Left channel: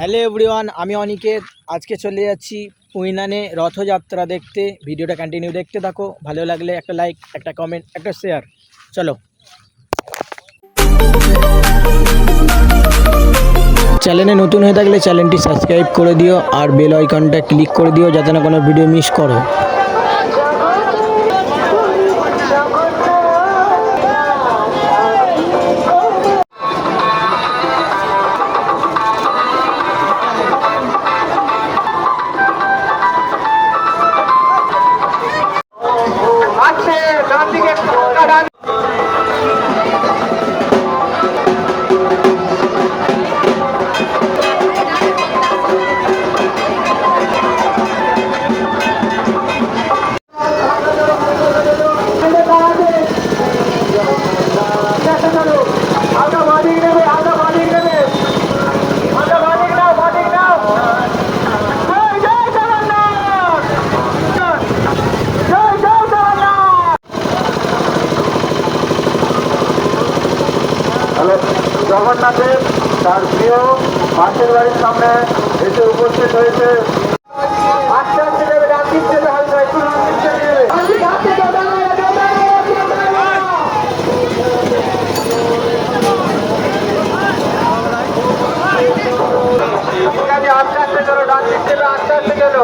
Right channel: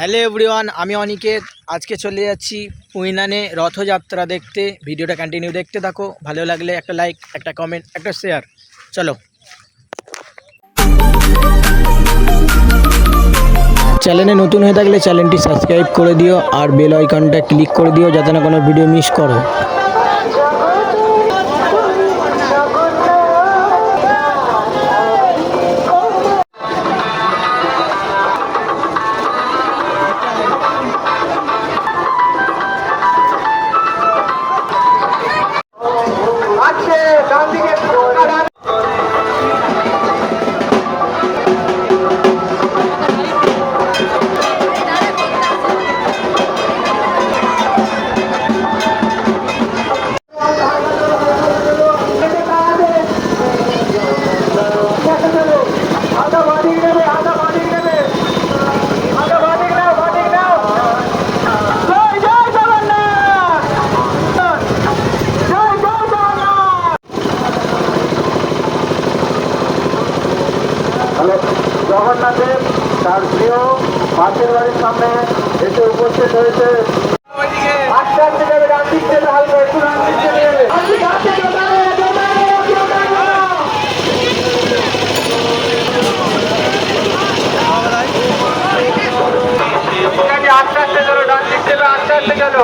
Hello everyone, আমি অনিকেত। আজকে চলে যাচ্ছি পুইনানে রথযাত্রা দেখতে। ভিডিওটা কন্টিনিউ দেখতে থাকো। ভালো লাগলে একটা লাইক, একটা কমেন্ট, একটা শেয়ার। চলো। চ্যানেলে নতুন হয়ে থাকলে চ্যানেলটি সাবস্ক্রাইব করে দিও আর বেল আইকনটা ক্লিক করে দিও যাতে না কোনো ভিডিও মিস করো। জগন্নাথের তার প্রিয় মাছের বাড়ির সামনে এসে উপস্থিত হয়েছে। আস্তে আস্তে গেল, ডান দিক থেকে আস্তে আস্তে গেল।